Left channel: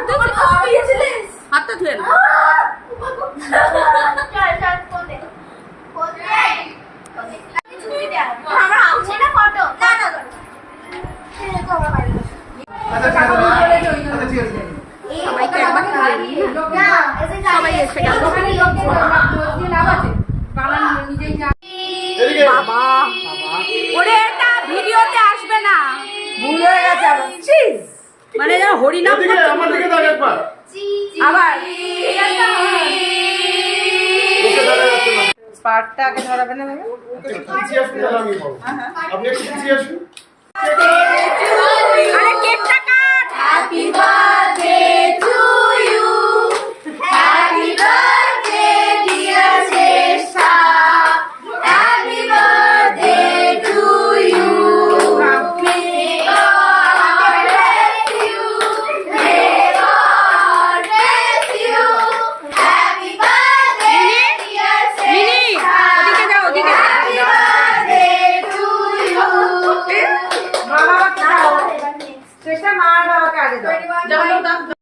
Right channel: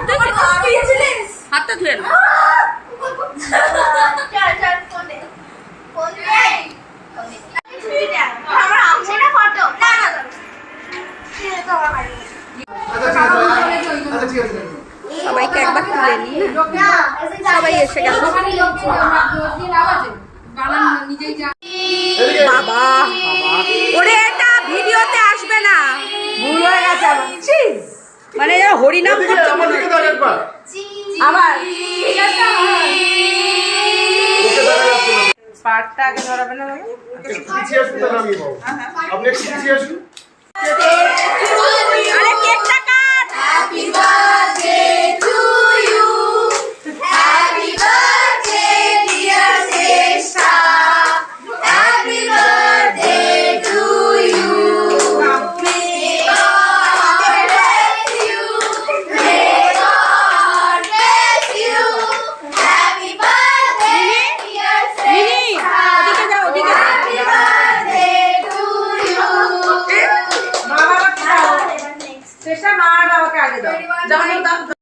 হাত হাতটা ধুয়ে না সবাইকে একবার তুলে নি সবাই এসে গেল বাবা ওরে এটা ভিডিওতে আসবে না ভুল হয়ে গেছে মানে হরিনাম আবার পার্টটা আগে ধরাবে না আরে কেকটা cut happy birthday to you happy birthday dear Shreshtha happy birthday to you চেষ্টা মার বাবাকে আগে দাও